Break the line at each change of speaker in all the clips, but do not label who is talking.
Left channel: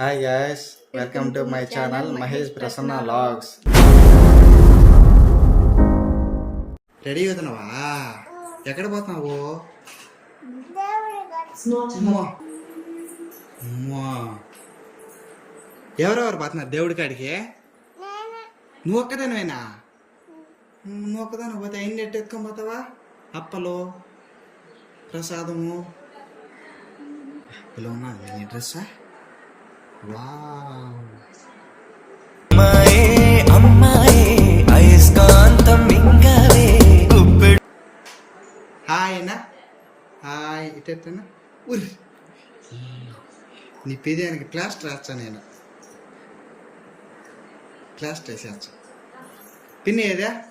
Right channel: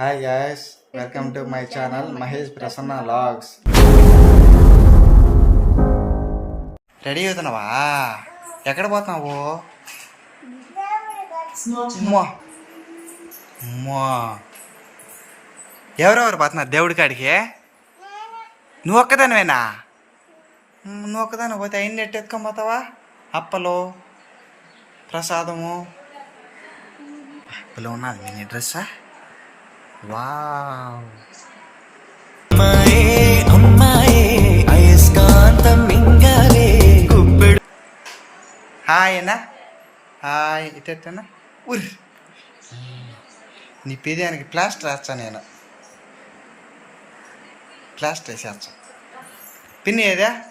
Hi guys welcome to my channel Mahesh Prasanna vlogs ready అవుతున్నావా ఎక్కడ పోతున్నావు? ఎవరెవరు పోతున్నారు? దేవుడి కాడికి? నువ్వు ఒక్కదానివేనా? మ్, నువ్వు ఒక్కదాని పోతే అయిన ఎట్టు ఎత్తుకొని పోతావా? అప్పలు ప్రసాదము. అప్పలో ఉన్నది మినీ డ్రెస్సా? వావ్. హాయ్ అన్నా. హాయ్. ఇటన్నా ఉర్. నీ పెదానికి ప్లాస్టర్ వేస్తా నేను. ప్లాస్టర్ వేసేస్తా. పిన్ ఏదా?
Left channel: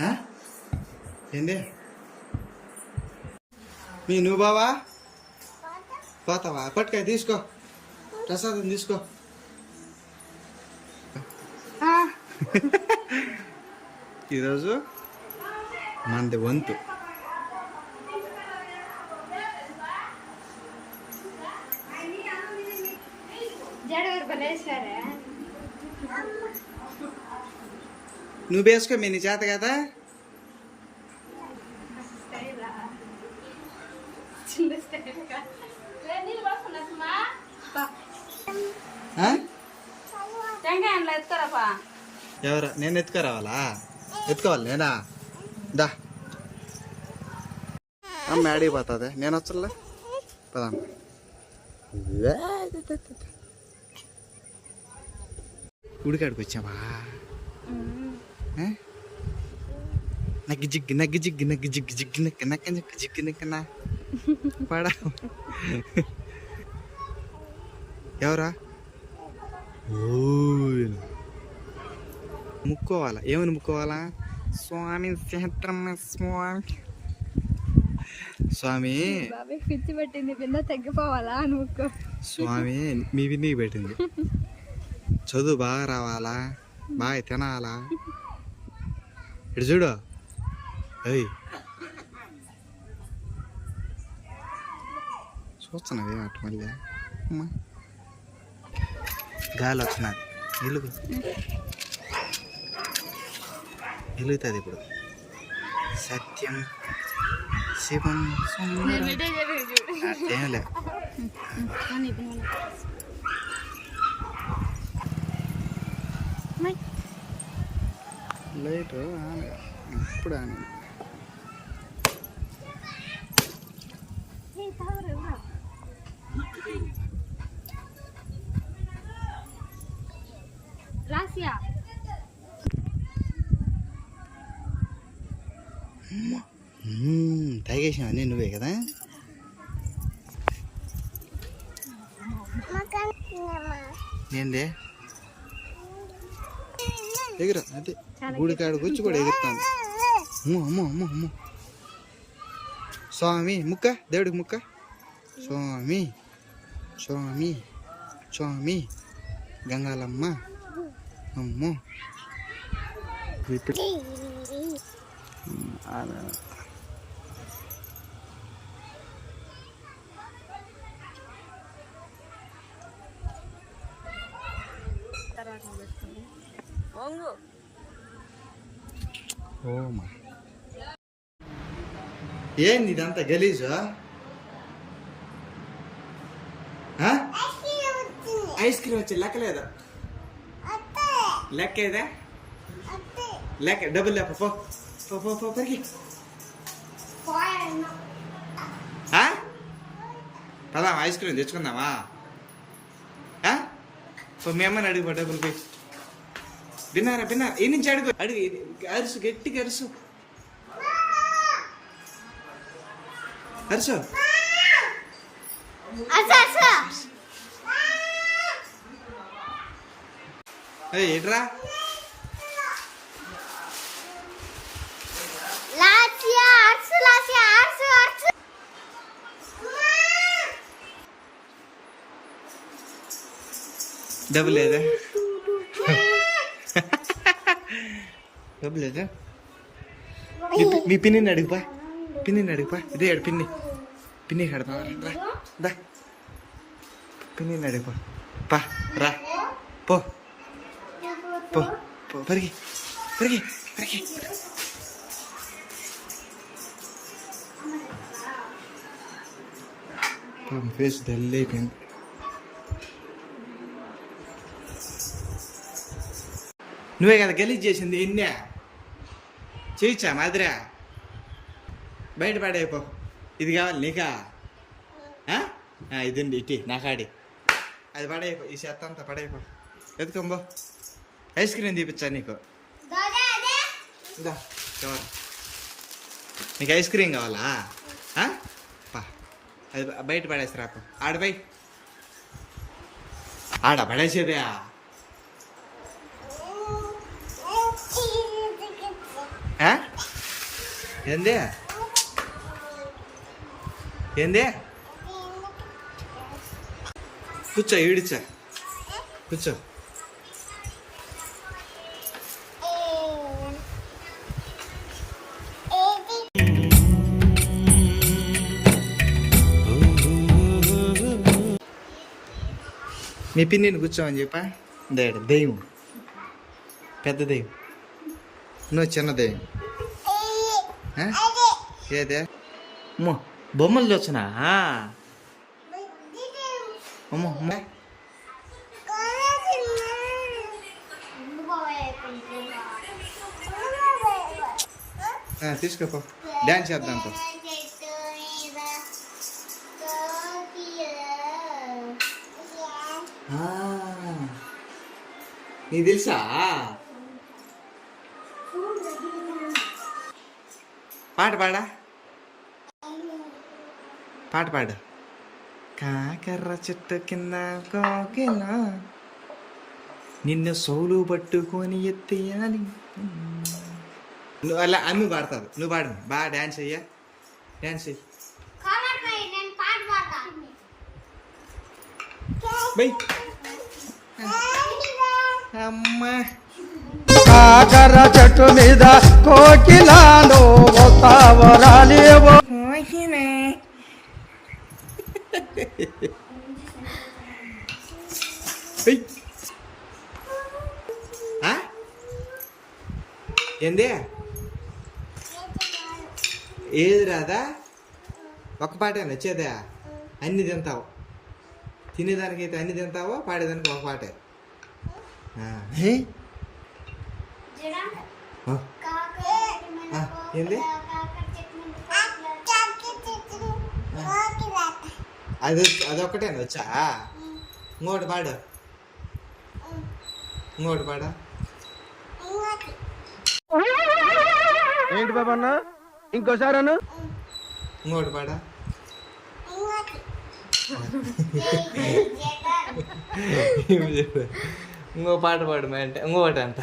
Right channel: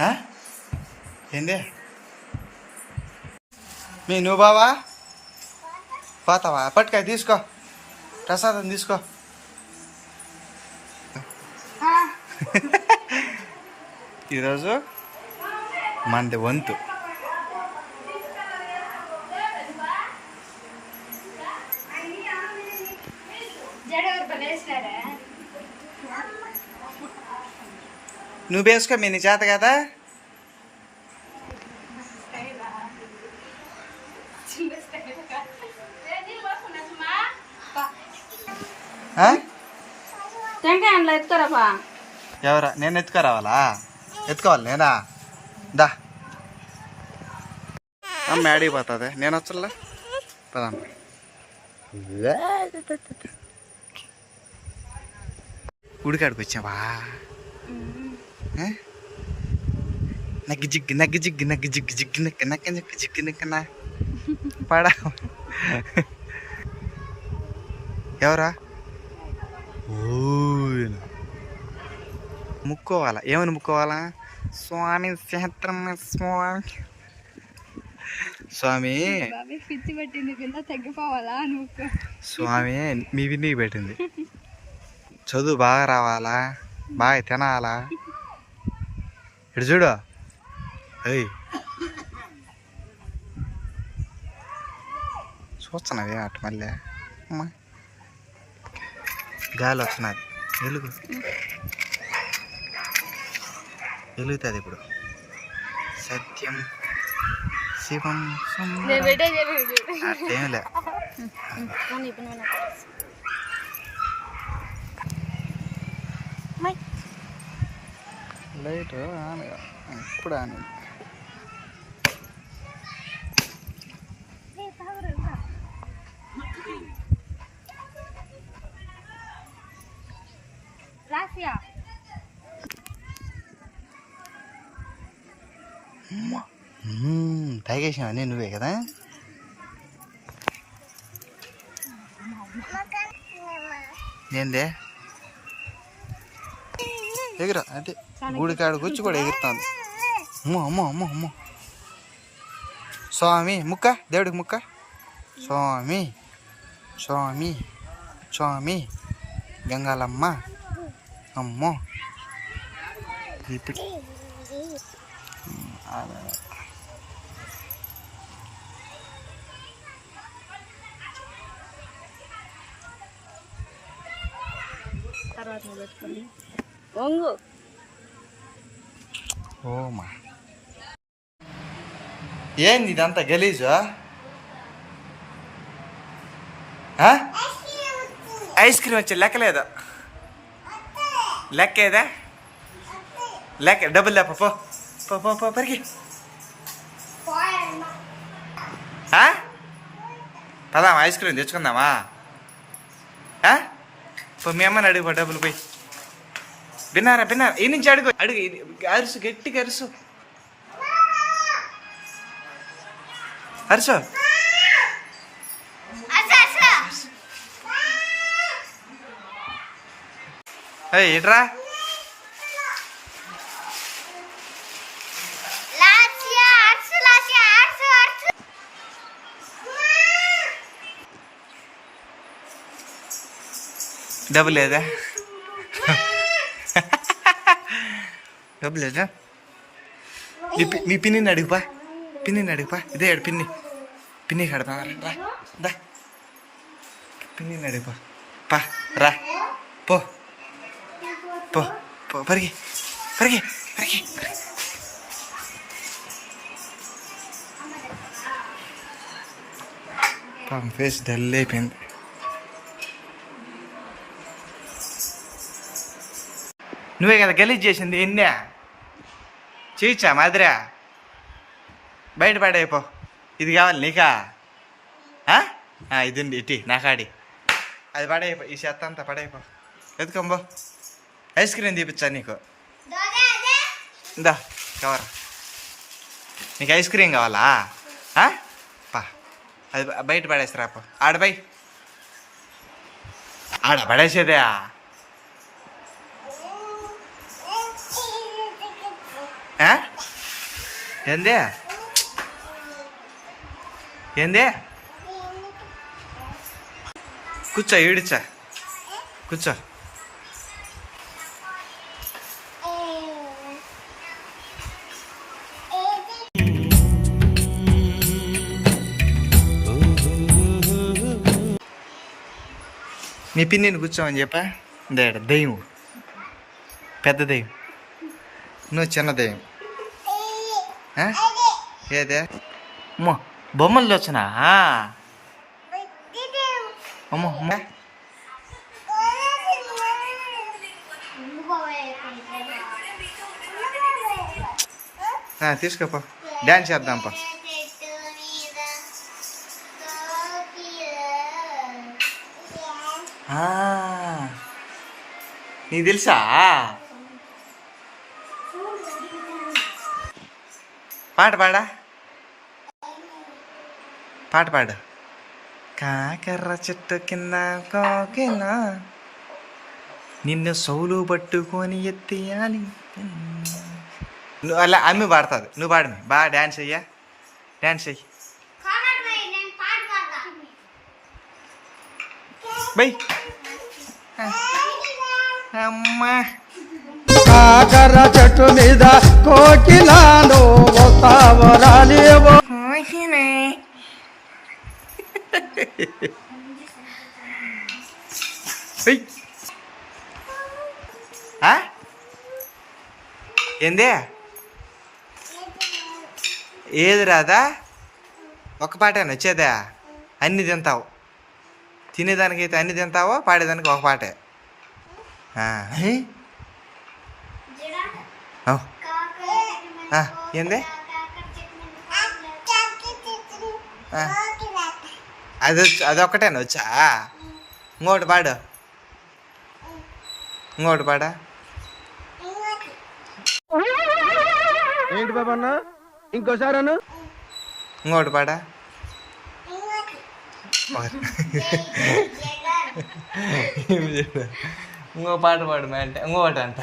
ఆ? ఏంది? మీ నువ్వు బావా? పోతావా పట్టుకాయ తీసుకో ప్రసాదం తీసుకో ఈరోజు మనది వంతు నువ్వు వేసుకో మీ నీ చేత కదా ఎవరా? నేను ఎత్తుకురావాలా? ఎత్తుకోవాలి నేనా? దా. ఆడికి పోతుంది. నేను వచ్చలే పదాం. ఉడికాడికి వచ్చావా? నగ్గి జిగ్గి నగ్గి జిగ్గి నగ్గి జిగ్గి జిగ్గి నక్క నక్క నక్క జిగ్గి నక్కనా? పడా. ఎవరా? ఓయ్. ముక్కోవాలా? ఏమని ముక్కోవాలా? స్వామి సహస్రమ స్వామి. స్వామి.
పిచ్చి పట్టింది కింద తగ్గిపోవాలా నువ్వు
స్వామి మీ విన్నికి పెట్టింది. చదువు బాగా రావాలా? బాగా తినాలా? ఇటు చూడు. అయ్యి చూస్తున్నావే అటు మళ్ళీ? అమ్మా. గాలి వస్తున్నది వెలుగు వెలుగుతుంది ఇప్పుడు. సత్యం శివం అట్లేంలే లైట్ ఆన్ ఇప్పుడు ఆన్ తాగేసావు నేను నువ్వే కదా? ఏందే? ఎగురా అంటే గుడి కాడికి వచ్చి కూడా ఎగురుతాను అమ్మో అమ్మో అమ్మో అమ్మో. స్వామి ముక్క దేవుడికి ముక్క. స్వామి స్వామి స్వామి గంగాలమ్మ. అమ్మో. ఇప్పుడు అదే.
తర్వాత పెట్టుకోండి వంగు
ఓమా ఏంది ఇదంతా గలీజు ఆ? ఐస్ క్రీమ్ వచ్చి లెక్కలేదు లెక్క ఏదా లెక్క డబ్బులు లేప పో పో పో పో ఆ? ఐస్ క్రీమ్ తెచ్చుకుందామా? ఆ? పో మీ అమ్మని అడుగు డబ్బులు పోయి. విన్నారా విన్నారా? ఈ నుంచి అడుగు. అడుగు అరుసు గట్టిగా అరుసు. అరుసు. ఏట్రా ఇట్రా
లాసియా అర్సు లాసియా అర్సు అర్సు
డబ్బు లేదా డబ్బు లేదా మీ పి- పిన్నిని అడుగుపా పిన్నిని అడుగుపా ఇదే అడు పిన్ని. పిన్ని కడపా రా దా. పిన్ని అడుగుపా పా రా. పో. పో పో పరిగి. పరిగి పరిగి. పాపం ఫేస్ డల్ అయిపోయింది. నువ్వే కదా గలీజ్ చేసింది ఎన్నే చేయొచ్చా మాదిరా. బయట పడైపో. ఇది కావాలి నీకా? ఆ? ఆ, ఇది ఉంది ఇటీ నాకాడి. అది పడైపో ఈ చెత్త అంతా పడైపో. ఎత్తుకోంబో ఐస్ క్రీమ్ తీపిచ్చా నీకు? ఇందా కవర్. నీకు ఐస్ క్రీమ్ కావాలా? పా. అది బయట పడేసిరా పో ఆడ బై ఆడ పడేసేదే. ఏంది? ఏంది? కూర్చో ఈడిచా కూర్చో. మీ పిన్నిని కూర్చోమని చెప్పా? దేడ దెయ్యం పెద్ద దెయ్యం. నువ్వు చిన్న దెయ్యం ఆ? ఏదే? అమ్మో బొమ్మలు వచ్చినా అమ్మో తీసుకోపో. డ్యాన్స్ చేద్దాం పా. ఆ, నీకు తెలుసా? పాట పాడా? పాట పాడు. కాకర్ర చెట్టు కింద కోకిల నిన్ను సౌలు పట్టుకొని ఎత్తేయాలి. నువ్వు అలా అమ్మి పాడుతుంది. నువ్వు పాడమి బాగా డ్యాన్స్ అయ్యా డ్యాన్స్ అయ్యి బై. అమ్మా.
కాకర చెట్టు మీద కోకిలాను?
ఏంది? ఏది రాదా? ఒక పాటే నచ్చేదా అన్ని తింటావు. తినేదానికైతే అన్ని తింటావో? పాడేదానికి ఒక పాటే. ఏంది. అది అదొక్కటేనా వచ్చా? ఇంకోటి పాడు. ఇంకోటి పాడా?
ఏంటి బాబన్న ఇంకోసారి అను
ఇంకోటి పాడా? ఇంకో పాట పాడు మా అంటే ఇంకోటి అంట.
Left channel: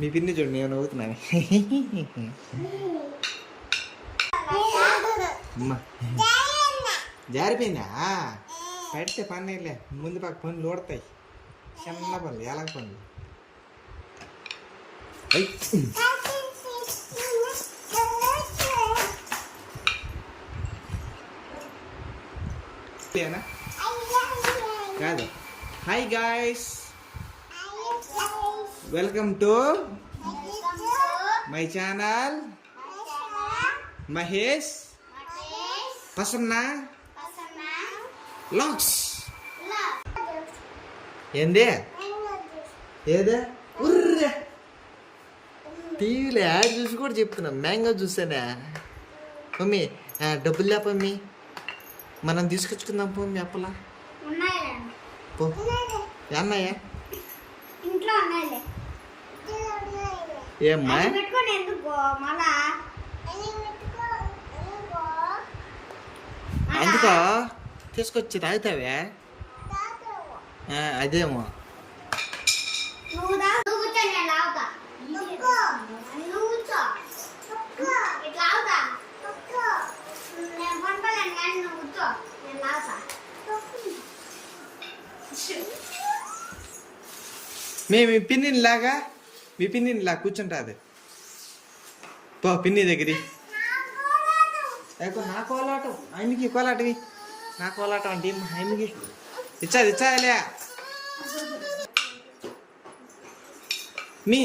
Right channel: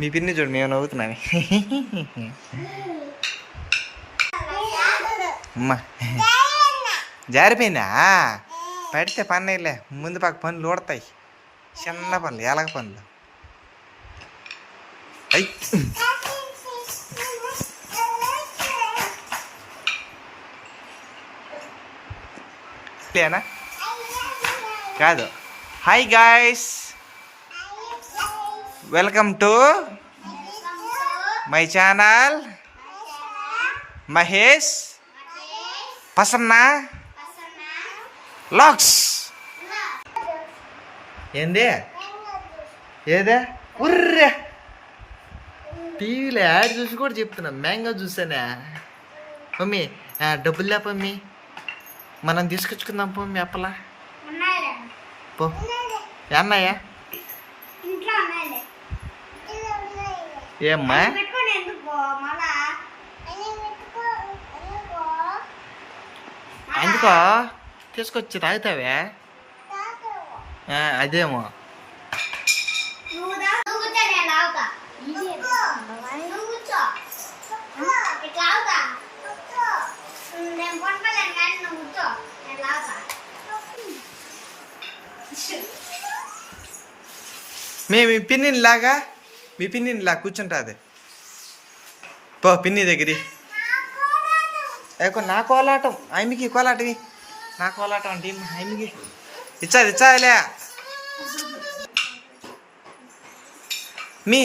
మీ పిన్ని చూడు మేము నవ్వుతున్నాను. అమ్మా. జారిపోయిందా? పడితే పన్నీలే. ముందు పక్క పనులు ఊడతాయి. చిన్న పనులు ఎలగ పనులు. అయ్. లేనా కాదు. Hi guys. Welcome to my channel Mahesh Prasanna vlogs ఏంది? ఏదే? ఉర్రే. టీవీలో యాడ్ చూసి కూడా చెప్తున్నా. మ్యాంగో చూసానా మమ్మీ డబ్బులు లే మమ్మీ? మనం తీసుకొచ్చుకుందాం మమ్మీ అప్పలా. పో. అన్నయ్యా? ఏమ్మా? అందుకో తీసుకొచ్చి తాగుతావే? ఆ, అదేమో.
నువ్వు దా
మీ మీ పిన్నిని లాగా కూర్చుంటుంది పో పిన్ని దగ్గరి నా కోలాటం. ఆయనకి కోలాటవి నా కోలాటం అంటే ఏం? ఆయనకి. ఇచ్చాది ఇచ్చాదిలే మీ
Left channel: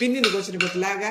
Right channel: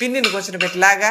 పిన్నిని కూర్చొని పెట్టిలాగా.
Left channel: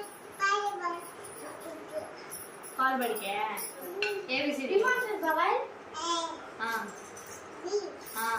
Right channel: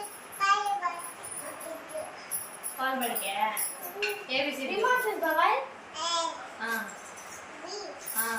బడి బావా బావా ఇంకే బడి పోతావు పాలు బడికే ఏబిసిడి ఆ ఆ